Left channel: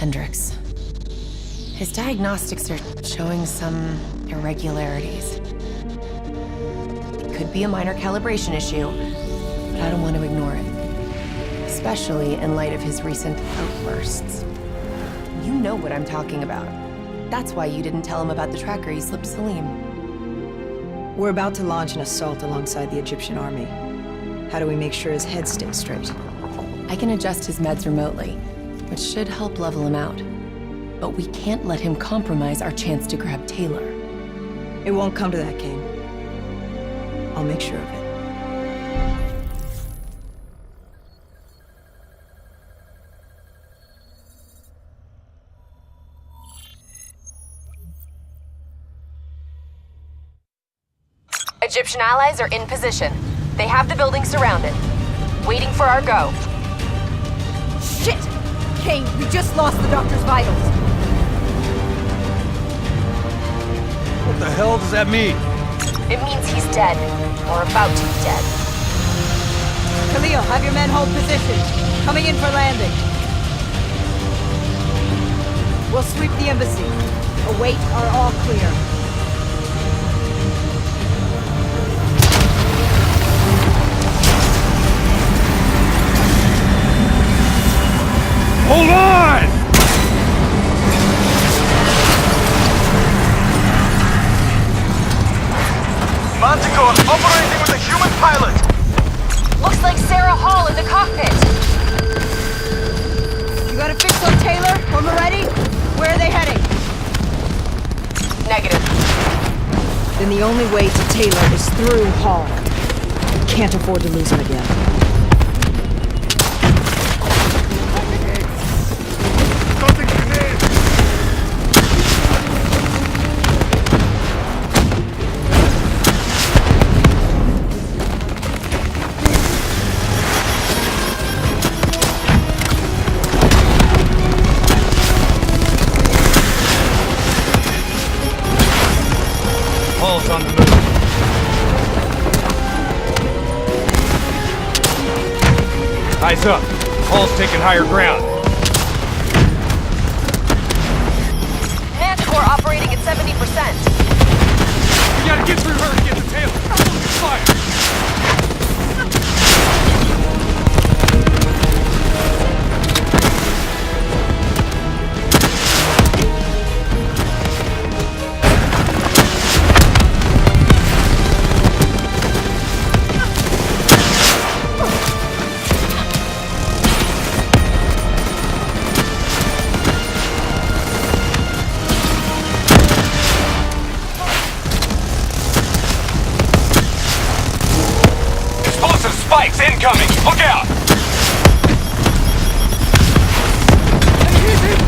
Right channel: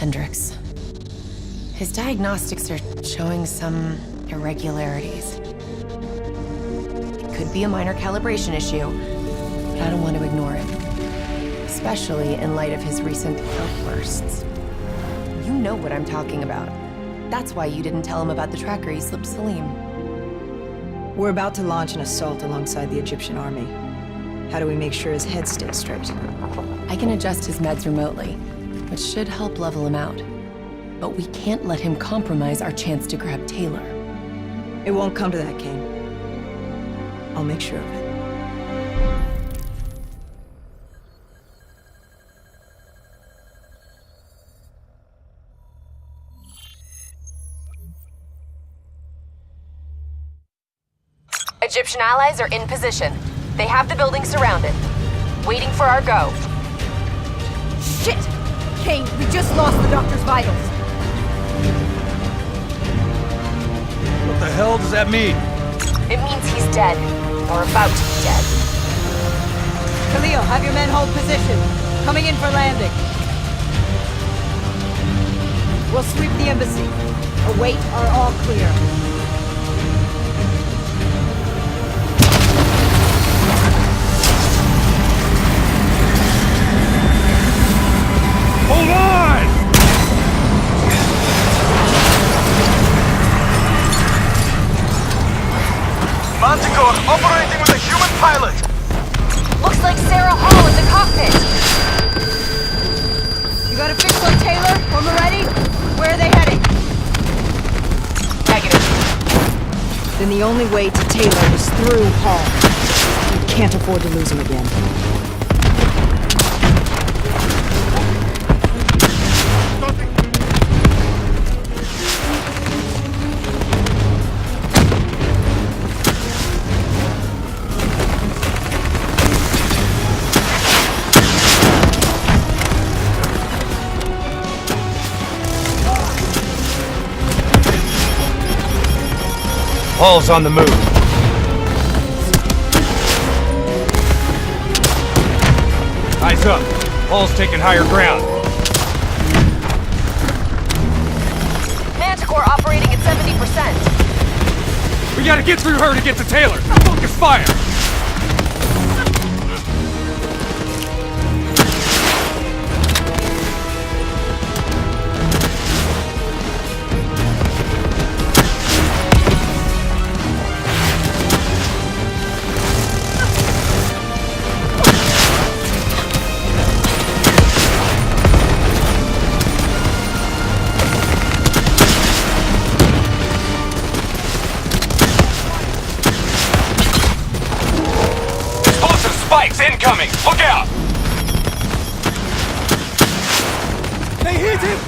Hendricks. His diagnostics are showing some irregularities. It could be a minor calibration issue, but I don't want to ignore it. Especially in light of his recent outbursts. You know what I'm talking about. That's why you didn't tell him about the tracker you slipped Salim. We're about to launch an assault alongside the Egyptian army. How do we make sure his head stays straight? I can adjust his meds remotely, which should help level him out. But we can't let him compromise our chance to grab Taylor. It won't come to that, Kane. I'll make sure of it. Egyptian allies are in position. They have the building surrounded. Waiting for our go. Shit! Kane, we just lost the doctor's vitals. What the hell does that mean? It means he's dead. Or about to be dead. Khalil, have your men hold position. Coming in for landing. We'll sweep the embassy. Await our all clear. Hold on! Manticore operating with a human pilot! Looks like Sarah Hall in the cockpit! You got a fix on Taylor? When we're ready? Where are they heading? Negative. Then the only way to Taylor is through Hall. We can't afford to lose him again. Hall's on the move. Eyes up. Hall's taking higher ground. Manticore operating at 70%. We gotta get through her to get to Taylor. Focus fire. Spikes incoming! Look out! They hit him!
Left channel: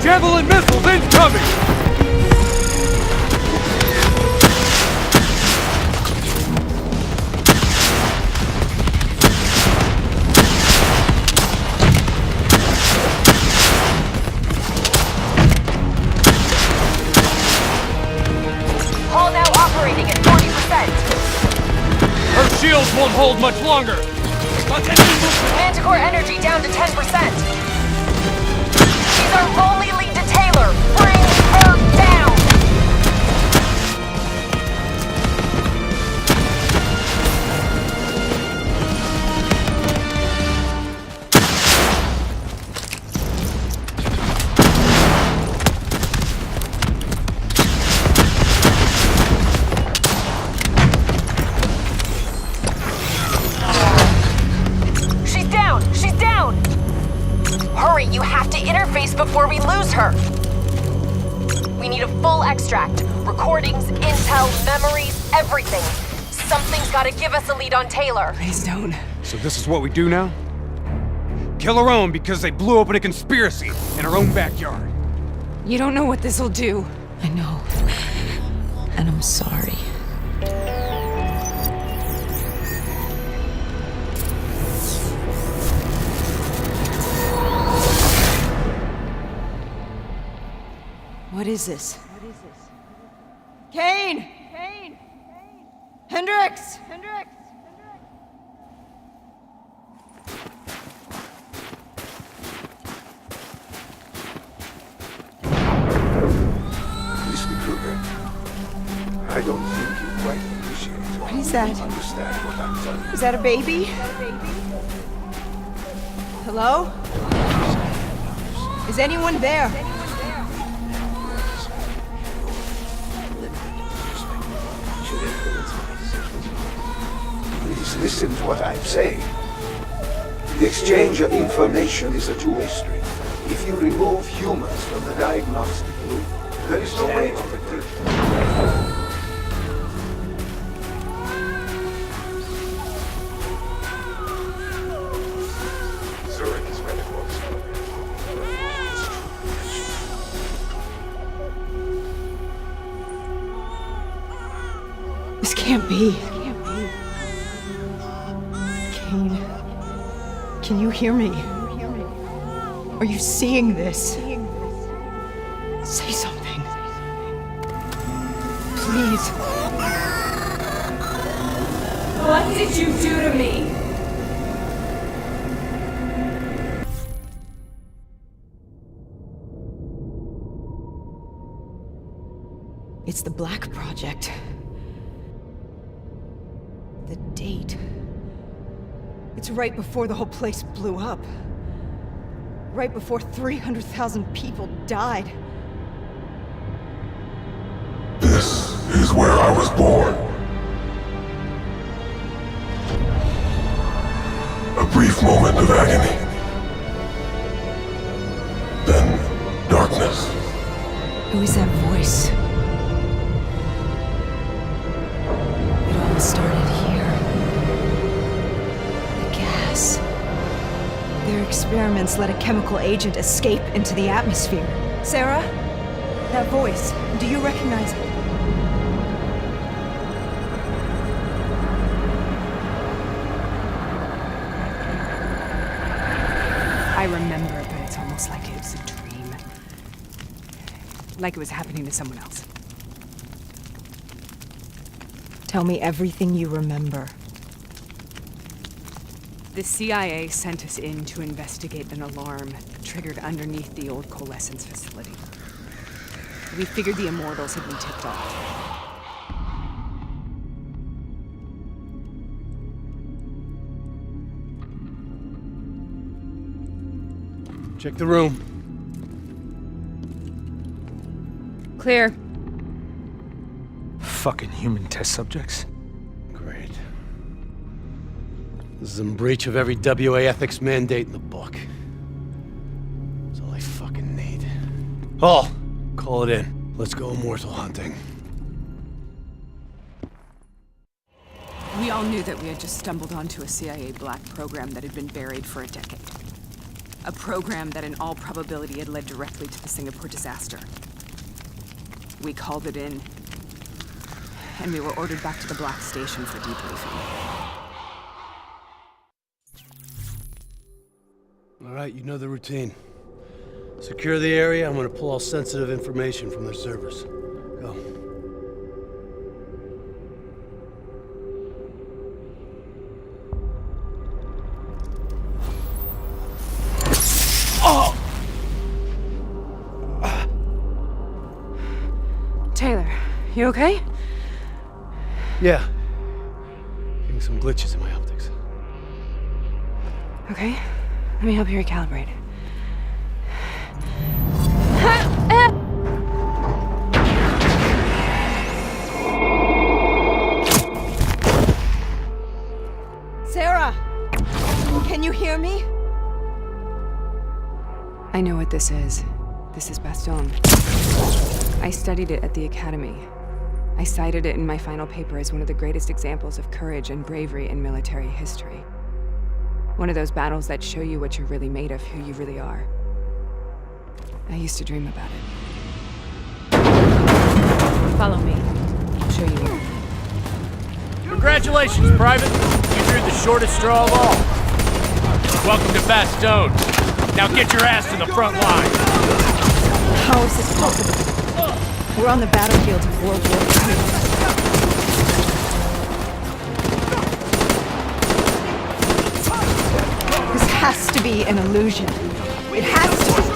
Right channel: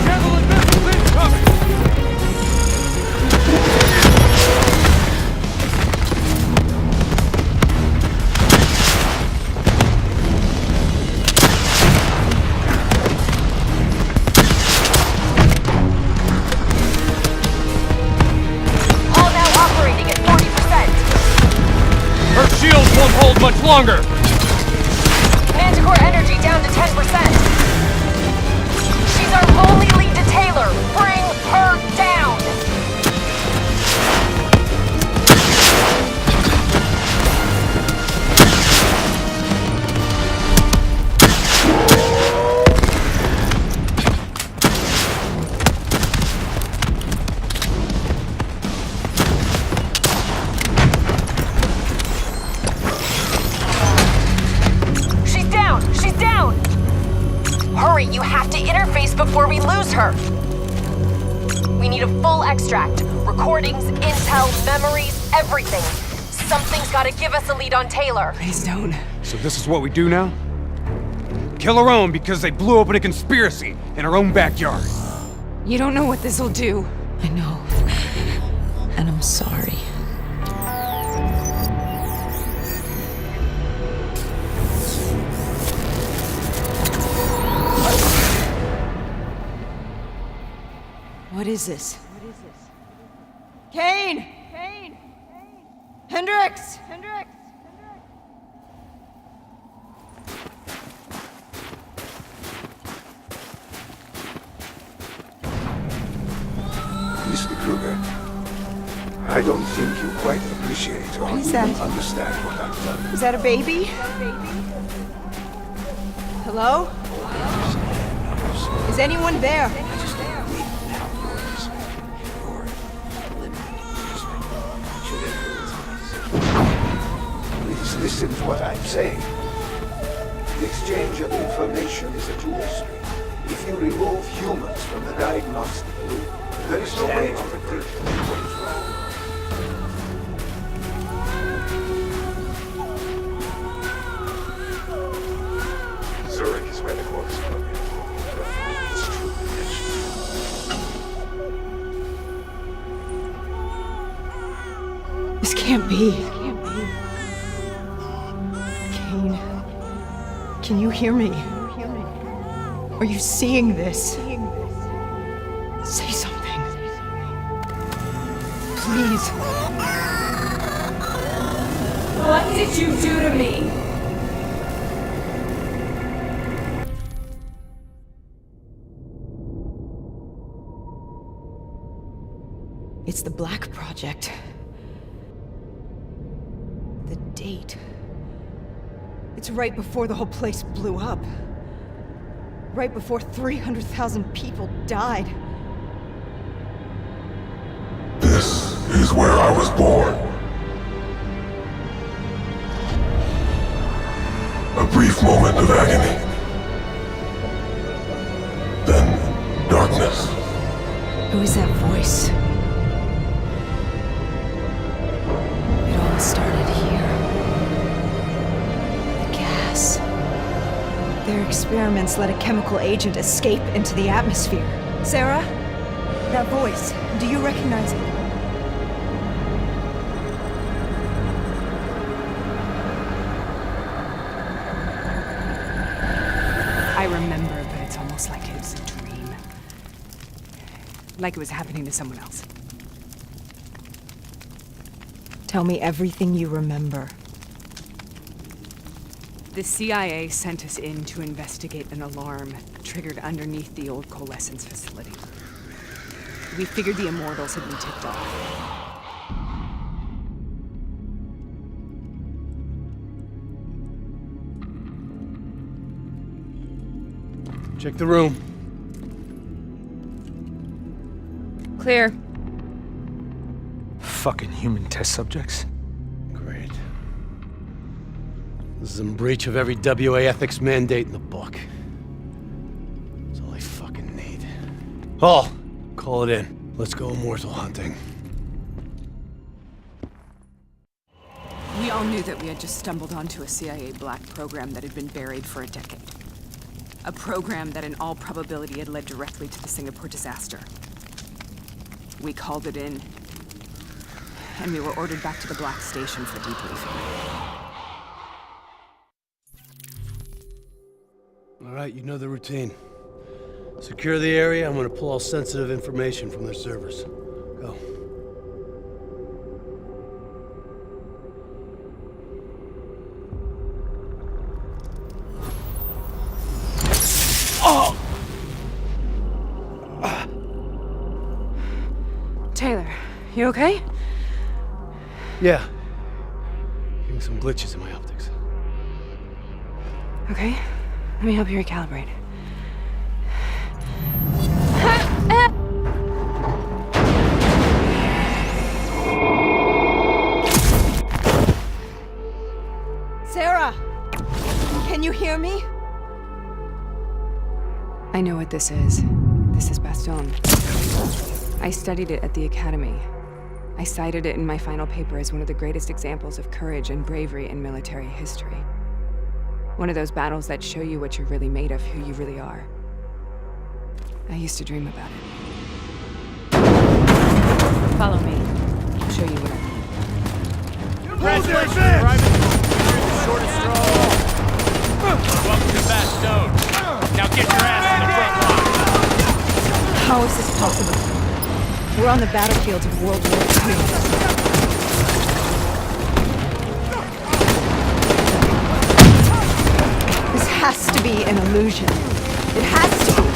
Javelin missiles incoming! Hall now operating at 40%. Her shields won't hold much longer! Manticore energy down to 10%. She's our only lead to Taylor. Bring her down! She's down! She's down! Hurry, you have to interface before we lose her! We need a full extract. Recordings, intel, memories, everything. Something's gotta give us a lead on Taylor. Please don't. So this is what we do now? Kill her own because they blew open a conspiracy in her own backyard. You don't know what this'll do. I know. And I'm sorry. What is this? Kane! Hendricks! Mr. Kruger, I don't think you quite appreciate or What is that? understand what I'm telling you. Is that a baby? Hello? Is anyone there? Please listen to what I'm saying. The exchange of information is a two-way street. If you remove humans from the diagnostic loop, there is no way to predict. Zurich is where the core is located. It's true protection. This can't be. Kane, can you hear me? Are you seeing this? Say something. Please. What did you do to me? It's the Black Project. The date. It's right before the whole place blew up. Right before 300,000 people died. This is where I was born. A brief moment of agony. Then darkness. Who is that voice? It all started here. The gas. Their experiments let a chemical agent escape into the atmosphere. Sarah? That voice, do you recognize it? I remember, but it's almost like it was a dream. Like it was happening to someone else. Tell me everything you remember. The CIA sent us in to investigate an alarm triggered underneath the old coalescence facility. We figured the Immortals had been tipped off. Check the room. Clear. Fucking human test subjects. Great. This is in breach of every WA ethics mandate in the book. That's all I fucking need. Hall, call it in. Let's go immortal hunting. We all knew that we had just stumbled onto a CIA black program that had been buried for a decade. A program that in all probability had led directly to the Singapore disaster. We called it in, and we were ordered back to the Black Station for debriefing. All right, you know the routine. Secure the area. I'm gonna pull all sensitive information from their servers. Go. Taylor, you okay? Yeah. Getting some glitches in my optics. Okay, let me help you recalibrate. Sarah! Can you hear me? I know what this is. This is Baston. I studied it at the Academy. I cited it in my final paper as one of the greatest examples of courage and bravery in military history. One of those battles that show you what you're really made of, who you really are. I used to dream about it. Follow me. I'll show you where. Congratulations, Private. You drew the shortest straw of all. Welcome to Bastogne. Now get your ass to the front line. How is this possible? We're on the battlefields of World War II. This has to be an illusion. It has to be.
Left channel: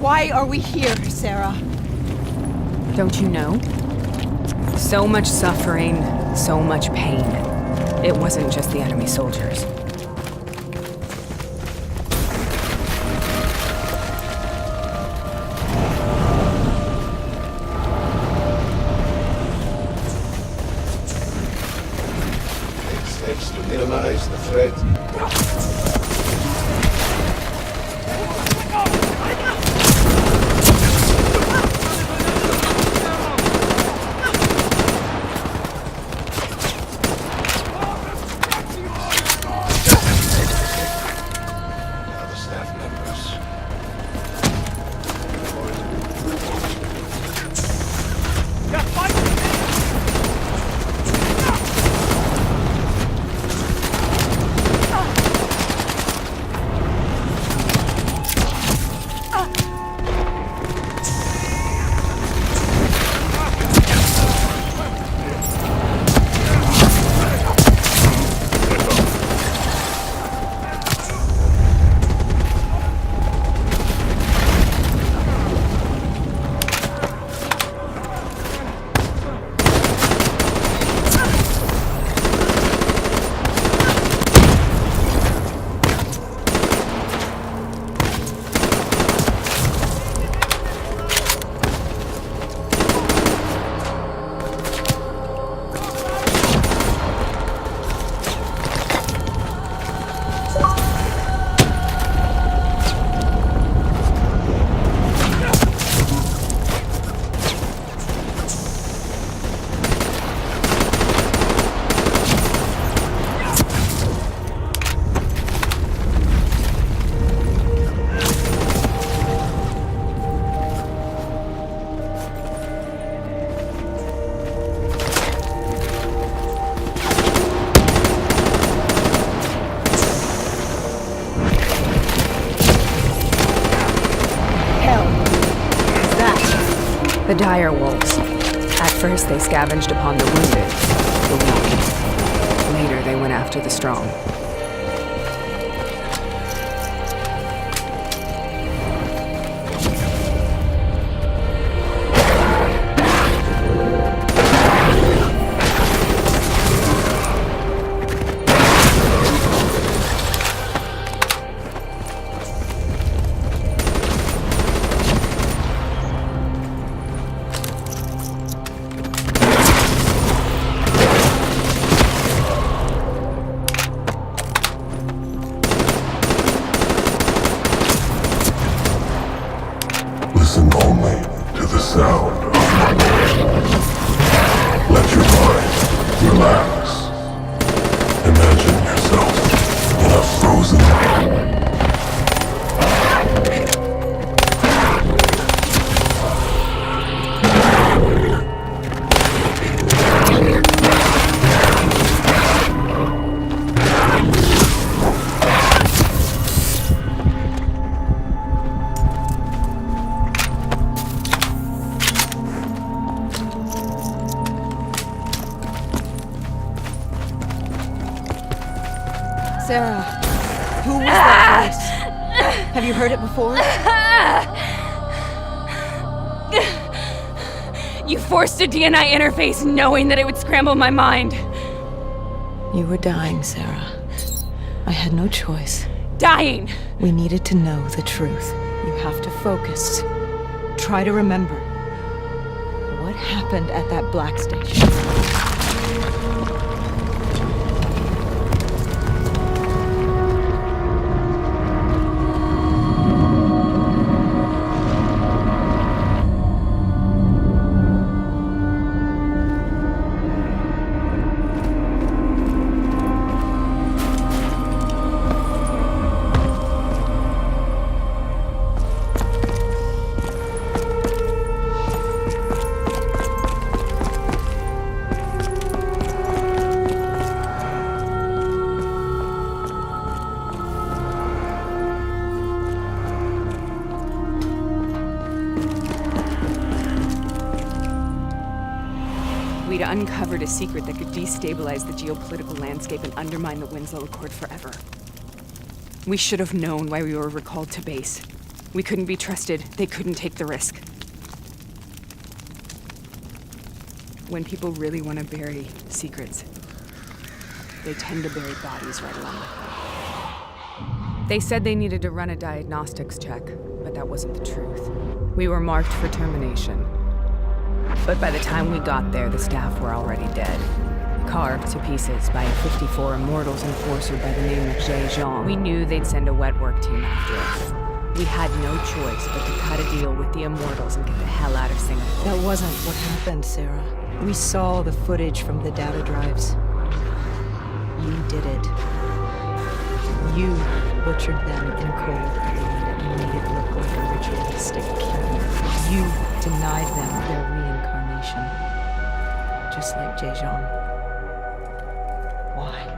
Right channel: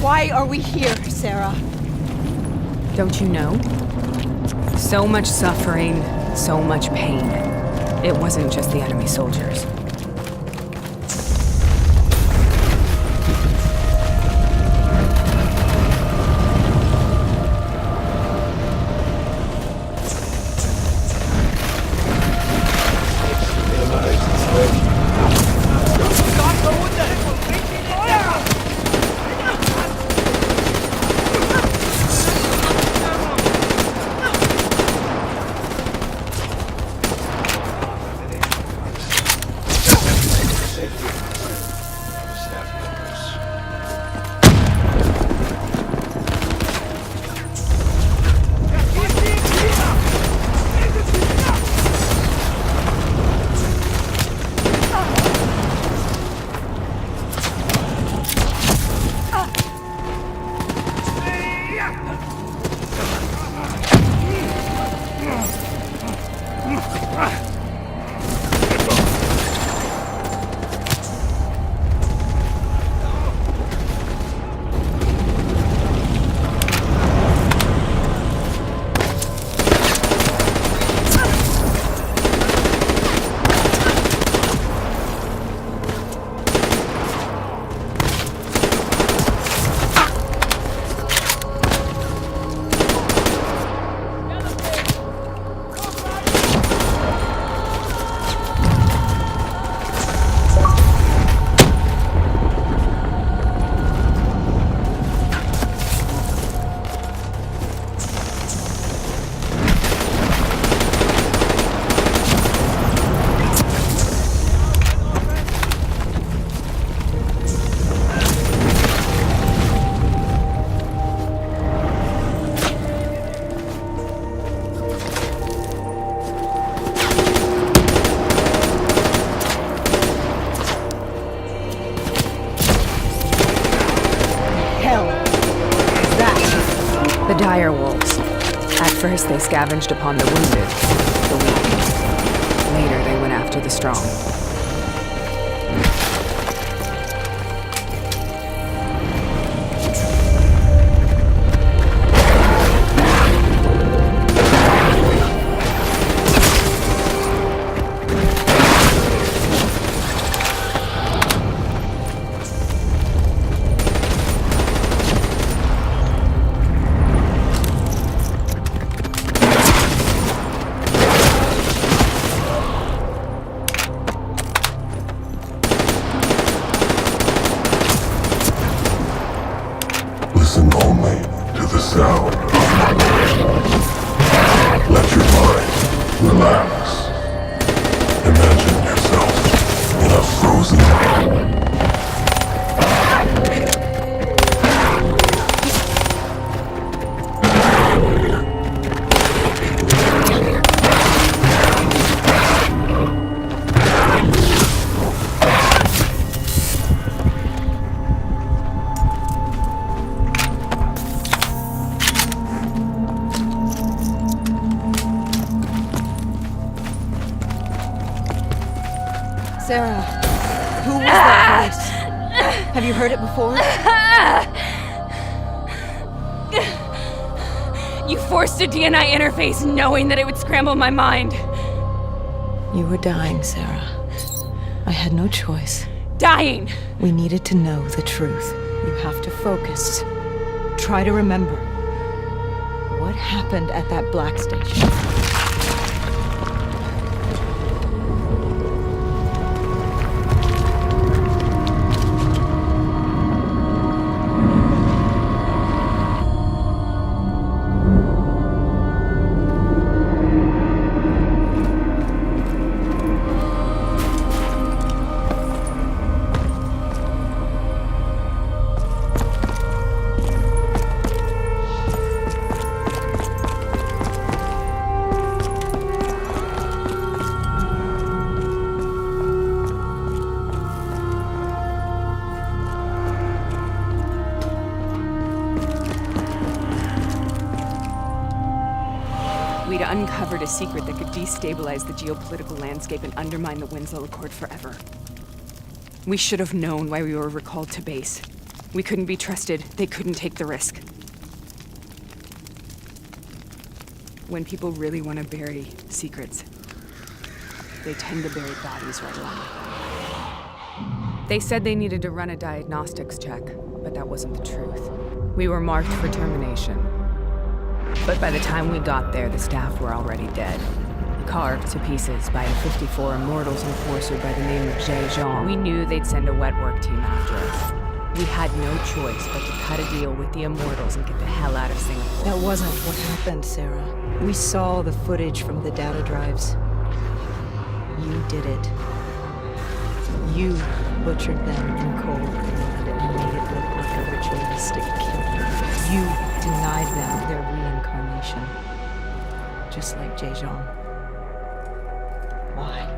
Why are we here, Sarah? Don't you know? So much suffering, so much pain. It wasn't just the enemy soldiers. Steps to minimize the threat. The dire wolves. At first, they scavenged upon the wounded, the weak. Later, they went after the strong. Listen only to the sound of my voice. Let your mind relax. Imagine yourself in a frozen Sarah, who was that voice? Have you heard it before? You forced a DNI interface knowing that it would scramble my mind. You were dying, Sarah. I had no choice. Dying! We needed to know the truth. You have to focus. Try to remember. What happened at that black station? We'd uncovered a secret that could destabilize the geopolitical landscape and undermine the Winslow Accord forever. We should have known why we were recalled to base. We couldn't be trusted. They couldn't take the risk. When people really want to bury secrets, they tend to bury bodies right along with them. They said they needed to run a diagnostics check, but that wasn't the truth. We were marked for termination. But by the time we got there, the staff were already dead. Carved to pieces by a 54 Immortals enforcer by the name of Jay Jean. We knew they'd send a wet work team after us. We had no choice but to cut a deal with the Immortals and get the hell out of Singapore. That wasn't what happened, Sarah. We saw the footage from the data drives. You did it. You butchered them in cold blood and made it look like a ritualistic killing. You denied them their reincarnation. Just like Jejan. Why?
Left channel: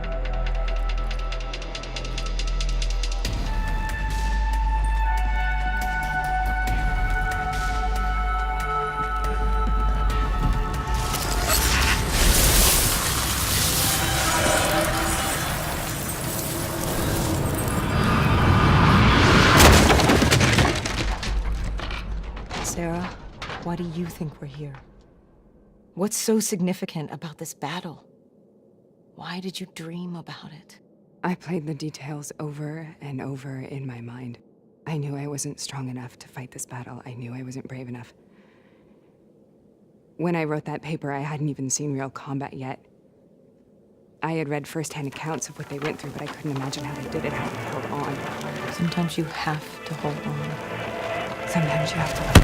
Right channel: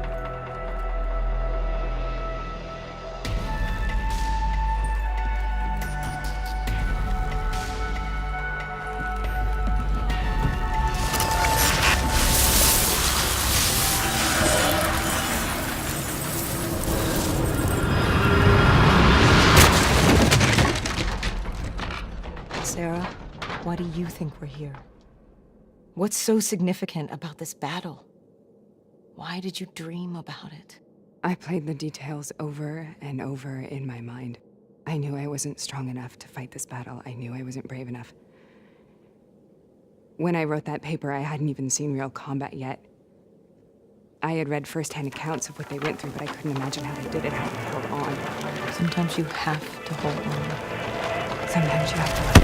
Sarah, why do you think we're here? What's so significant about this battle? Why did you dream about it? I played the details over and over in my mind. I knew I wasn't strong enough to fight this battle. I knew I wasn't brave enough. When I wrote that paper, I hadn't even seen real combat yet. I had read first-hand accounts of what they went through, but I couldn't imagine how they did it, how they held on. Sometimes you have to hold on. Sometimes you have to let go.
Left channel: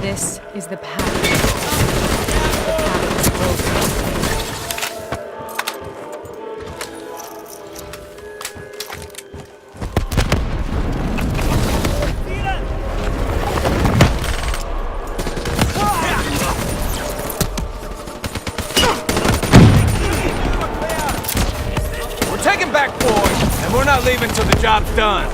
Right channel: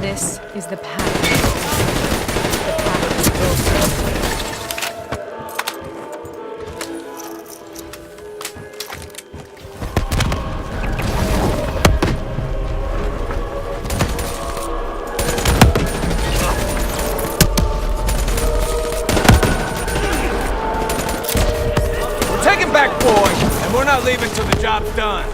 This is the path. The path is built. We're taking back boys, and we're not leaving till the job's done.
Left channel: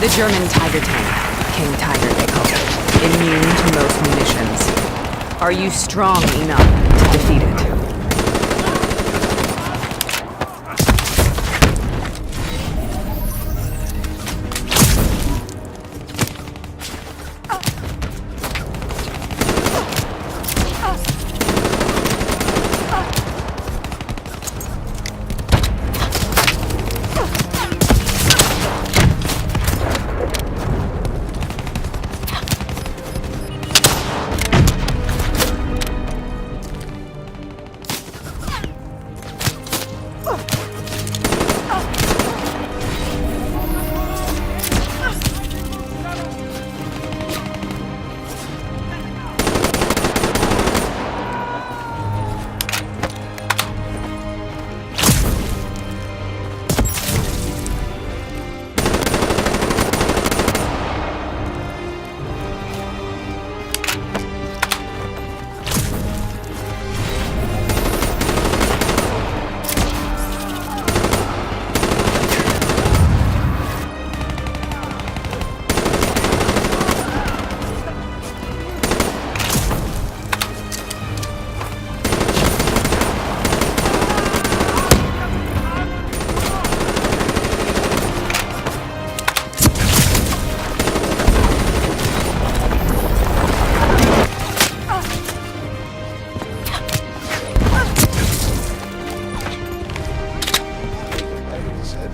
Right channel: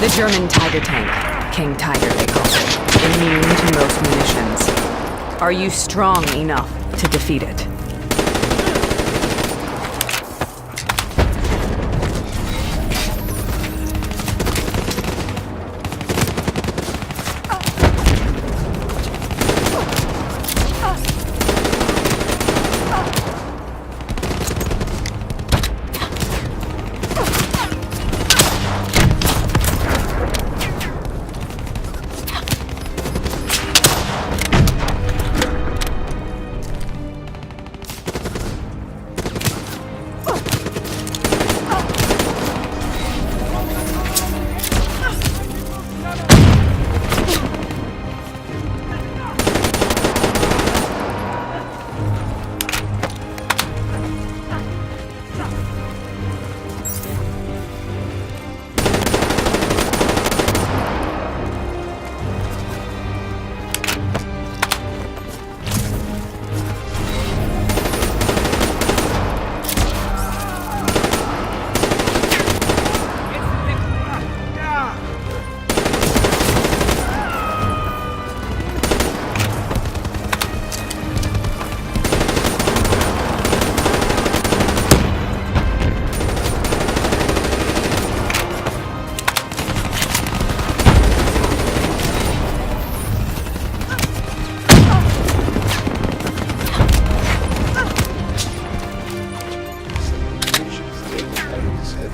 The German Tiger tank. King Tiger, they call it. Immune to most munitions. Are you strong enough to defeat it?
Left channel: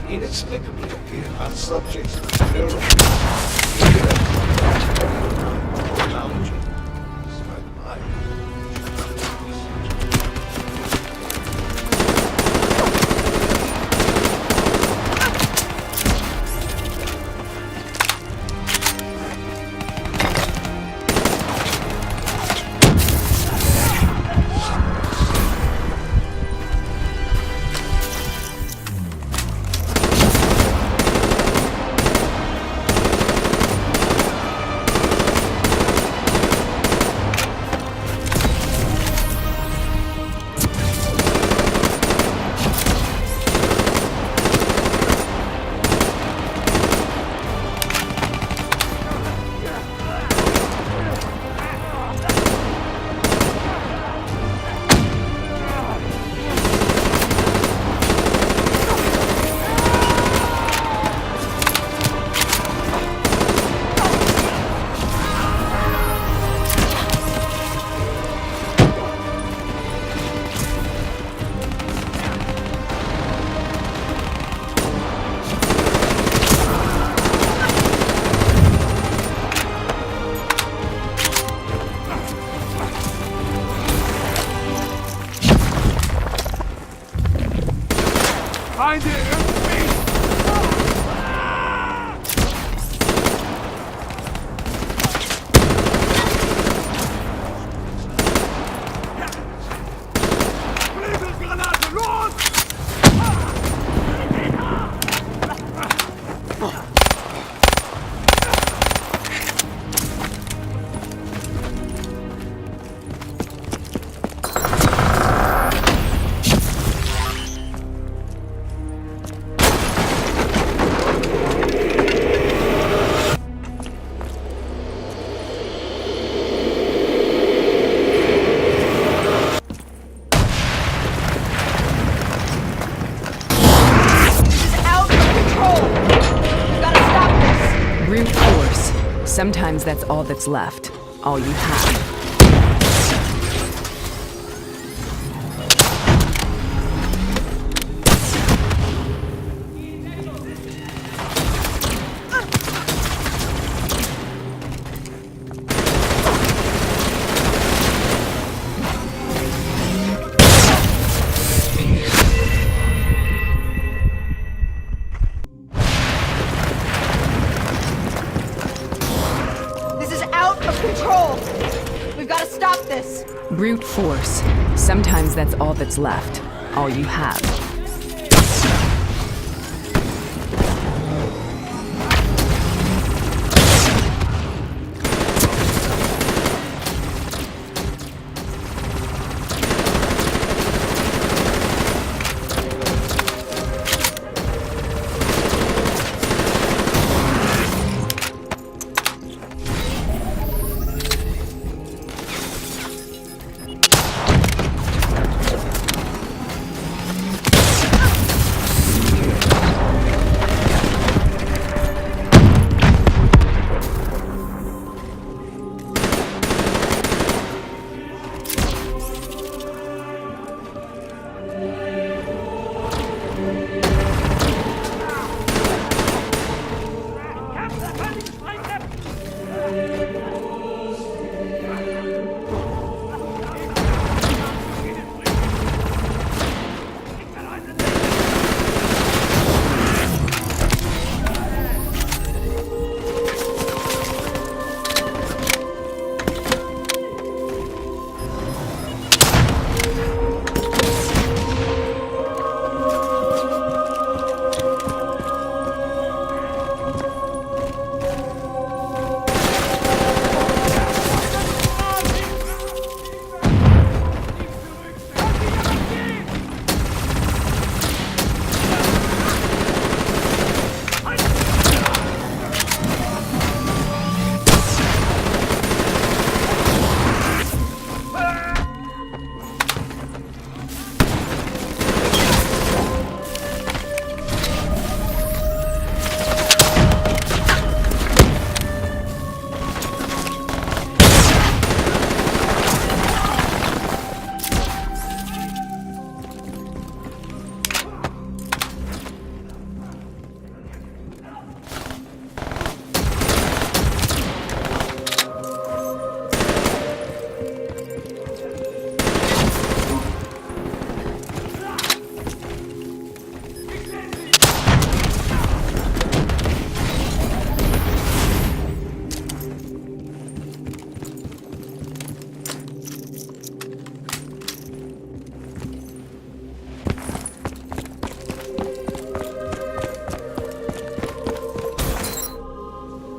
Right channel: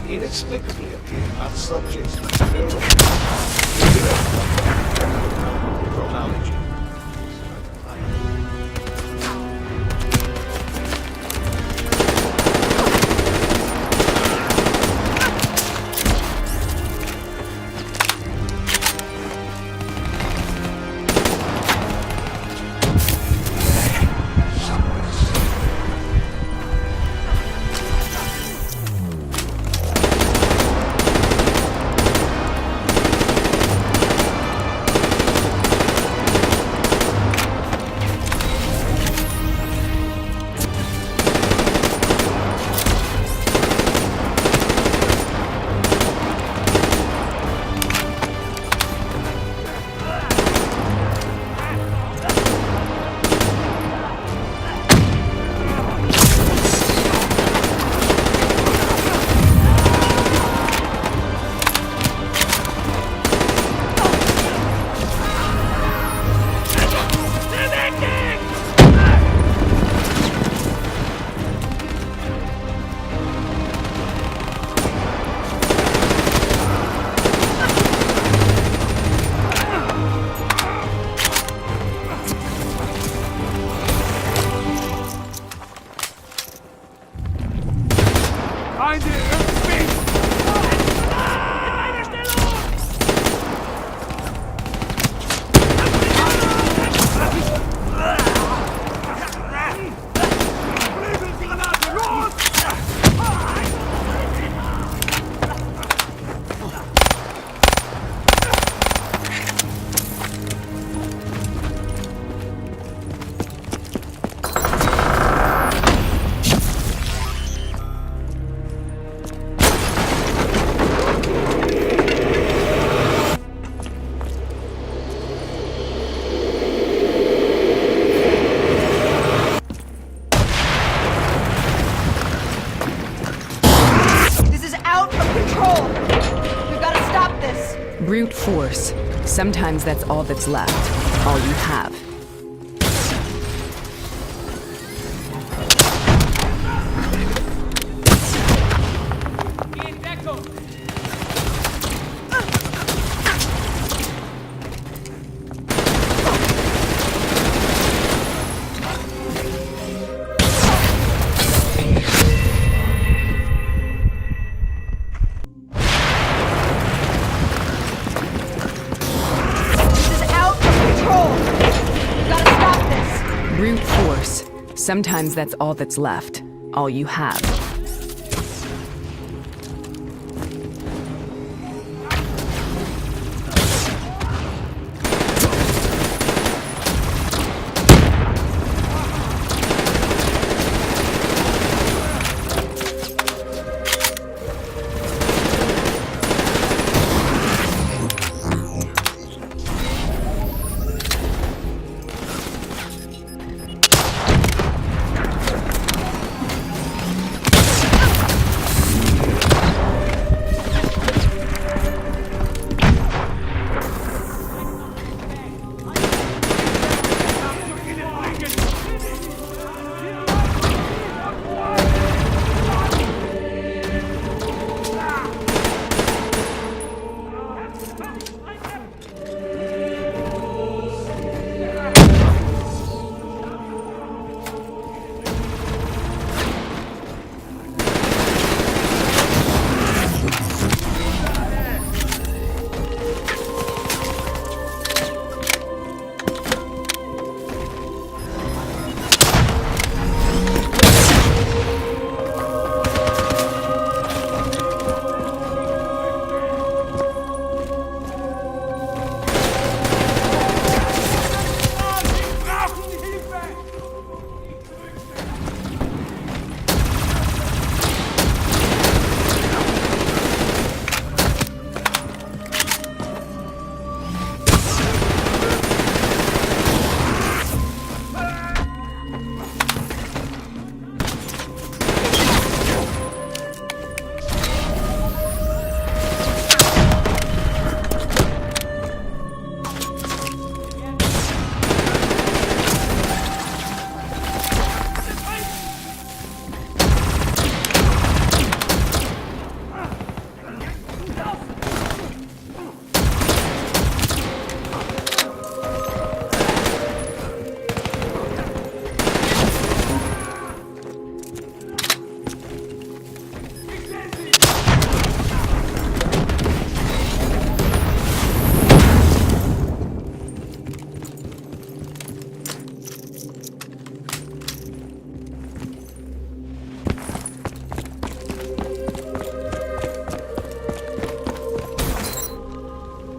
Inexplicably appear on subjects with technology. Feinde irgendwie! Nebelgranate, los! Brute force. Sometimes that's all that's left. All you have. Brute force. Sometimes that's all that's left. All you have.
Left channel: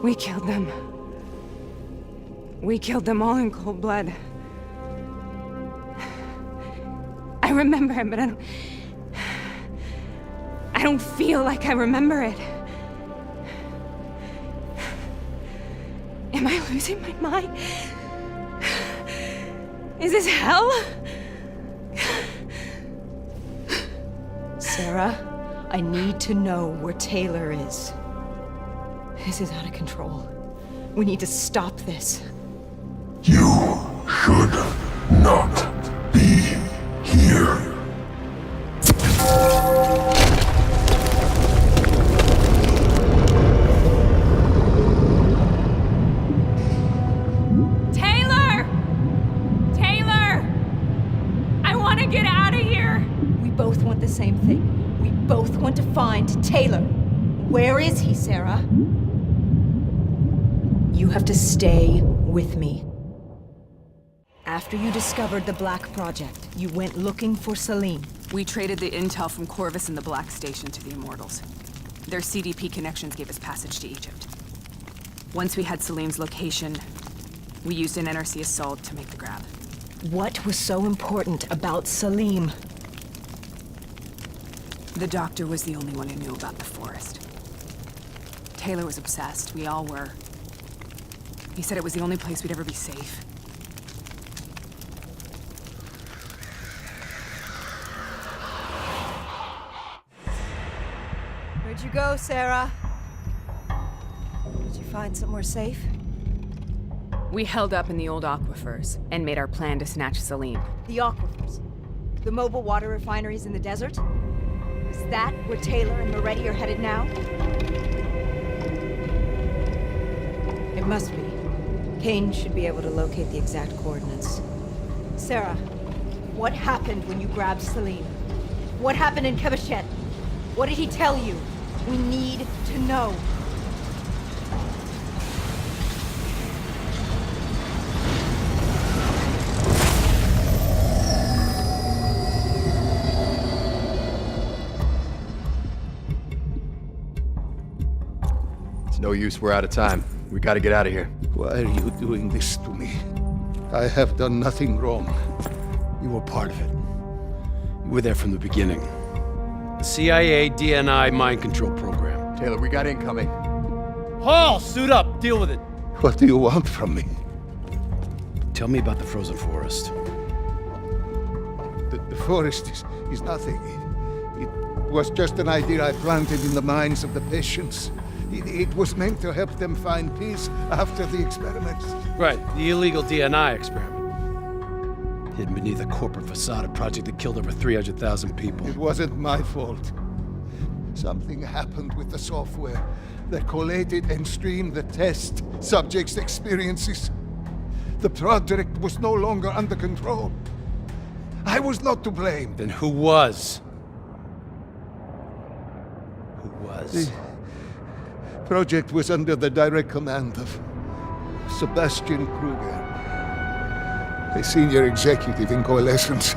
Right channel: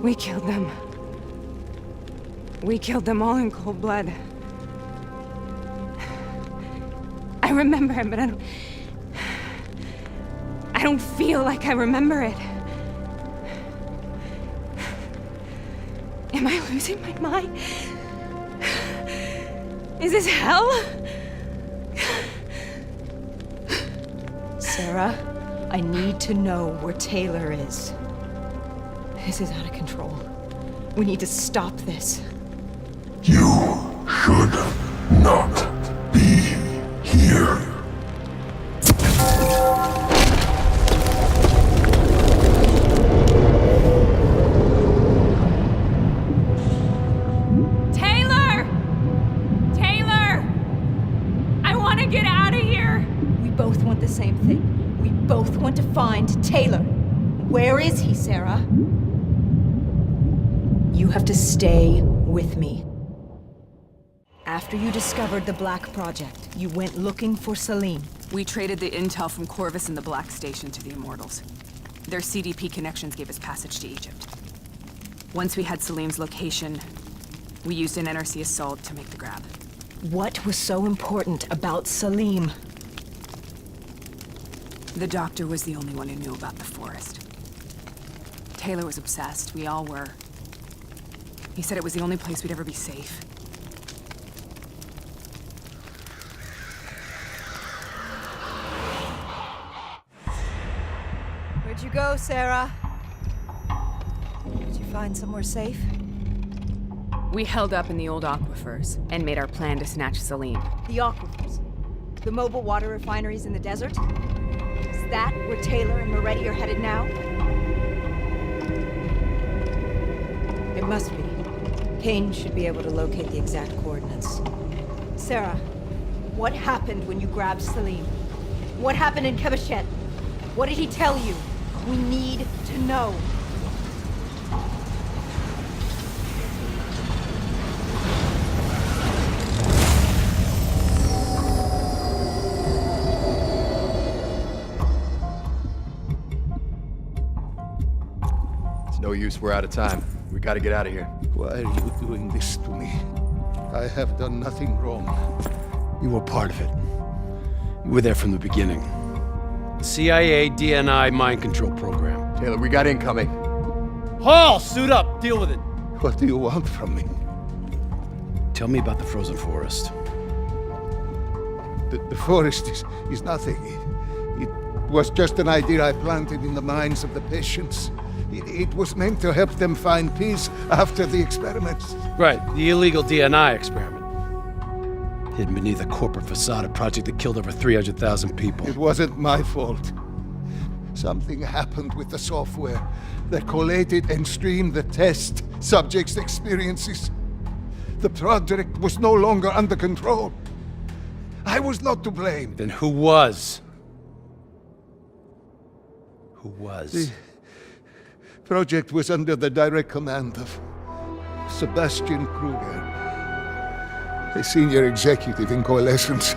We killed them. We killed them all in cold blood. I remember it, but I don't feel like I remember it. Am I losing my mind? Is this hell? Sarah, I need to know where Taylor is. This is out of control. We need to stop this. You should not be here. Taylor! Taylor! I want to get out of here! We both want the same thing. We both want to find Taylor. Where is he, Sarah? You have to stay with me. After you discovered the Black Project, you went looking for Salim. We traded the intel from Corvus and the Black Station to the Immortals. Their CDP connections gave us passage to Egypt. Once we had Salim's location, we used an NRC assault to make the grab. What was so important about Salim? The doctor was the only one who knew about the forest. Taylor was obsessed. We all were. He said it was the only place we'd ever be safe. Where'd you go, Sarah? Did you find somewhere safe? We held up in the old aquifers and made our plan to snatch Salim. The aquifers. The mobile water refineries in the desert? Is that where Taylor and Moretti are headed now? It must be. Kane should be able to locate the exact coordinates. Sarah, what happened when you grabbed Salim? What happened in Kebashet? What did he tell you? We need to know. It's no use, we're out of time. We gotta get out of here. Why are you doing this to me? I have done nothing wrong. You were part of it. You were there from the beginning. The CIA DNI mind control program. Taylor, we got incoming. Hall, suit up. Deal with it. What do you want from me? Tell me about the frozen forest. The forest is nothing. It was just an idea I planted in the minds of the patients. It was meant to help them find peace after the experiments. Right, the illegal DNI experiment. Hidden beneath a corporate facade, a project that killed over 300,000 people. It wasn't my fault. Something happened with the software that collated and streamed the test subjects' experiences. The project was no longer under control. I was not to blame. Then who was? Who was? The project was under the direct command of Sebastian Kruger, a senior executive in Coalescence.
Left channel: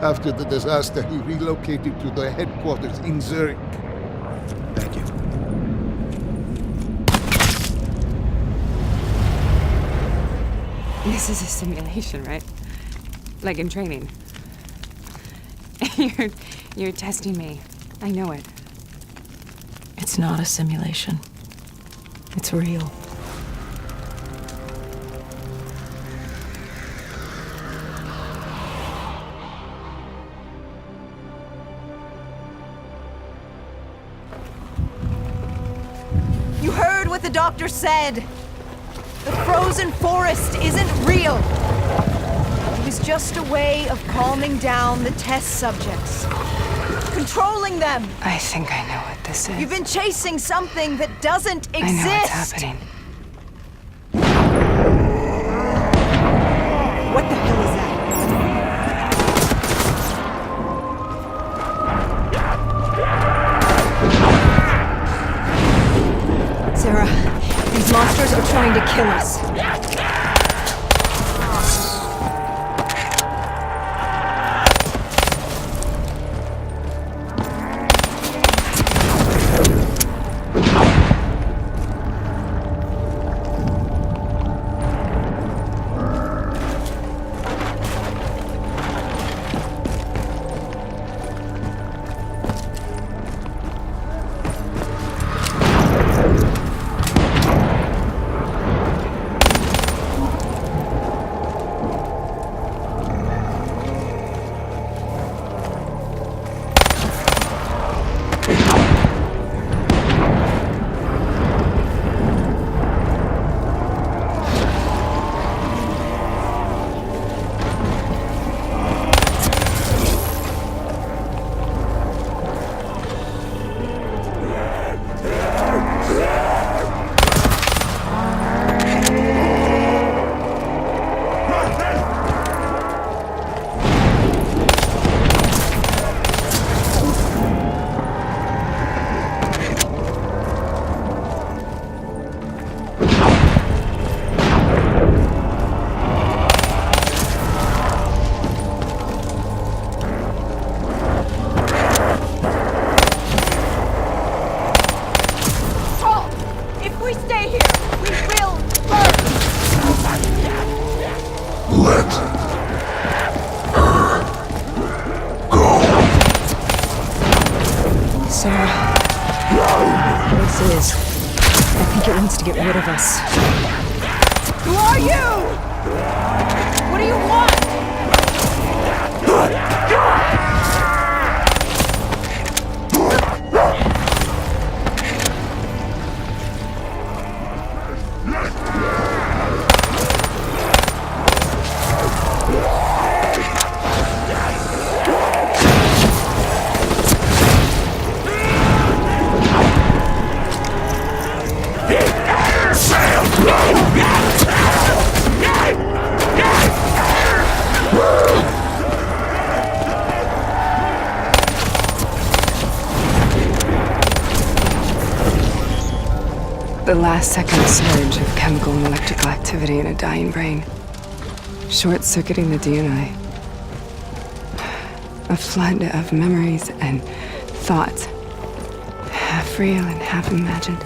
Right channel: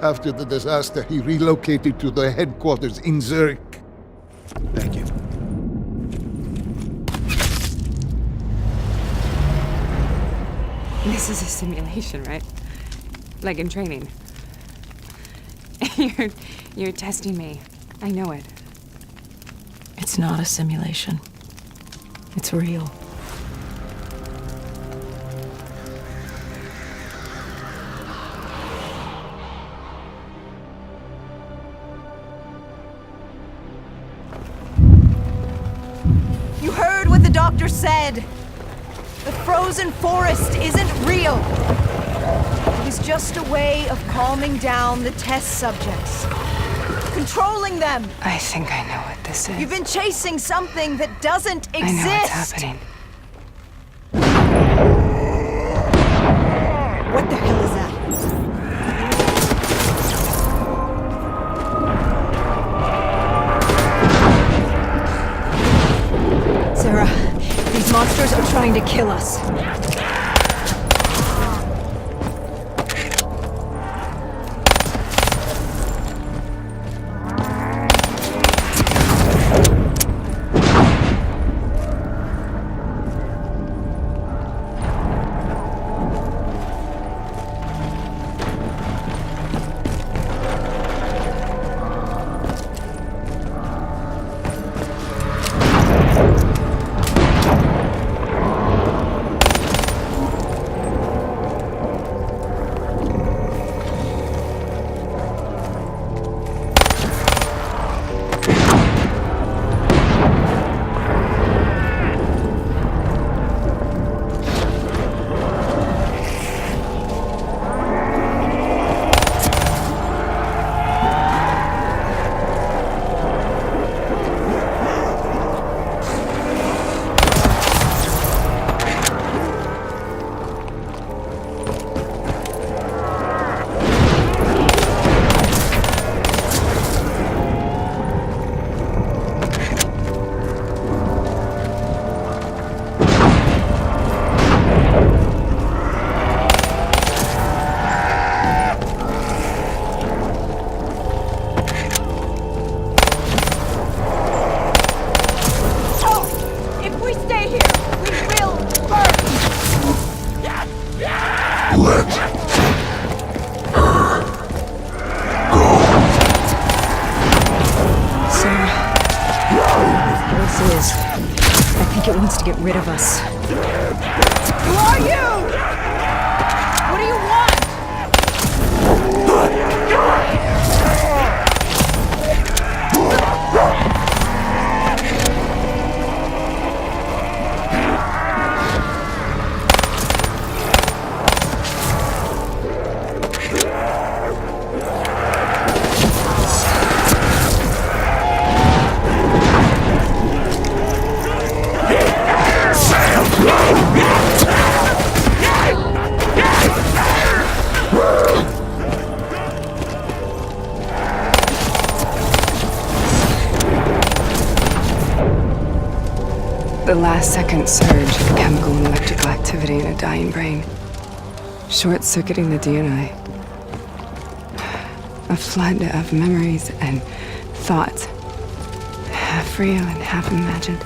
After the disaster, he relocated to the headquarters in Zurich. Thank you. This is a simulation, right? Like in training. You're testing me. I know it. It's not a simulation. It's real. You heard what the doctor said. The frozen forest isn't real. It was just a way of calming down the test subjects. Controlling them. I think I know what this is. You've been chasing something that doesn't exist. I know what's happening. What the hell is that? Sarah, these monsters are trying to kill us. Sarah, this is. I think it wants to get rid of us. Who are you? What do you want? The last second surge of chemical and electrical activity in a dying brain. Short-circuiting the DNA. A flood of memories and thoughts. Half real and half imagined.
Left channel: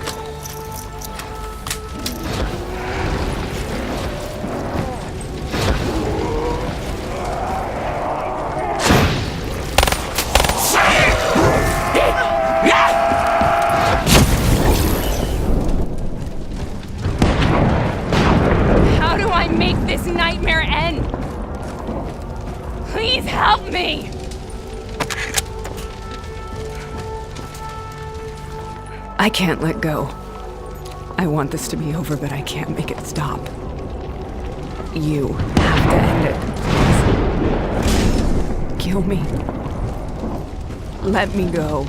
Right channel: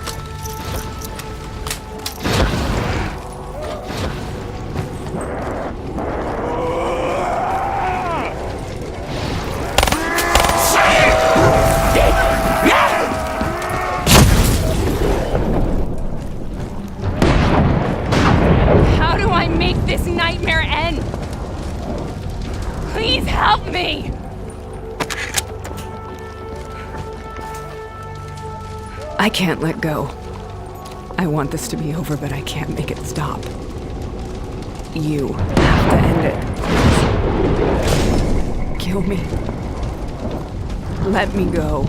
How do I make this nightmare end? Please help me! I can't let go. I want this to be over, but I can't make it stop. You have to end it. Please. Kill me. Let me go.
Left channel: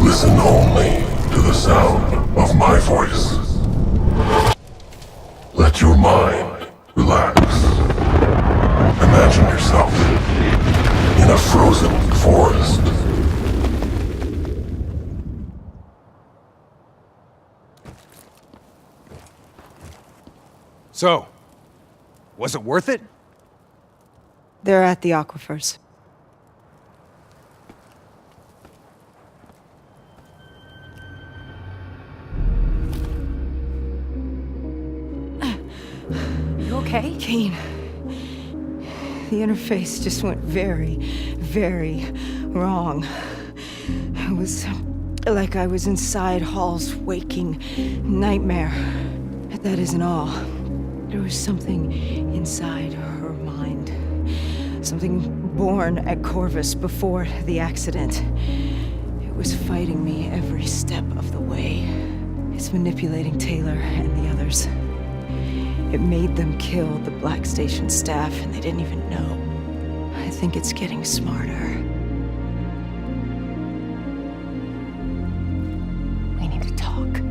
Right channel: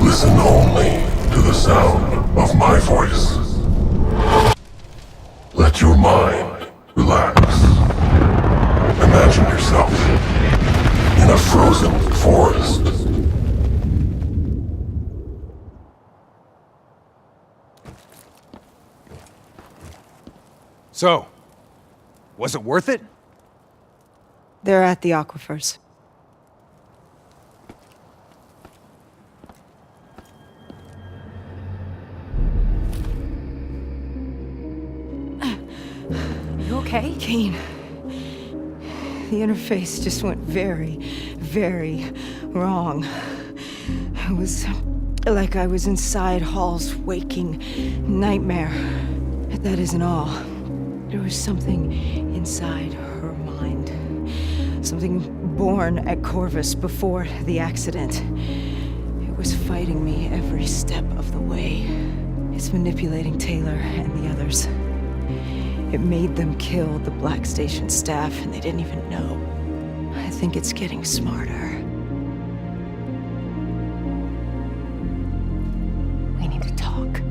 Listen only to the sound of my voice. Let your mind relax. Imagine yourself in a frozen forest. So, was it worth it? They're at the aquifers. You okay? Kane. The interface just went very, very wrong. It was like I was inside Hall's waking nightmare. But that isn't all. There was something inside her mind. Something born at Corvus before the accident. It was fighting me every step of the way. It's manipulating Taylor and the others. It made them kill the Black Station staff, and they didn't even know. I think it's getting smarter. We need to talk.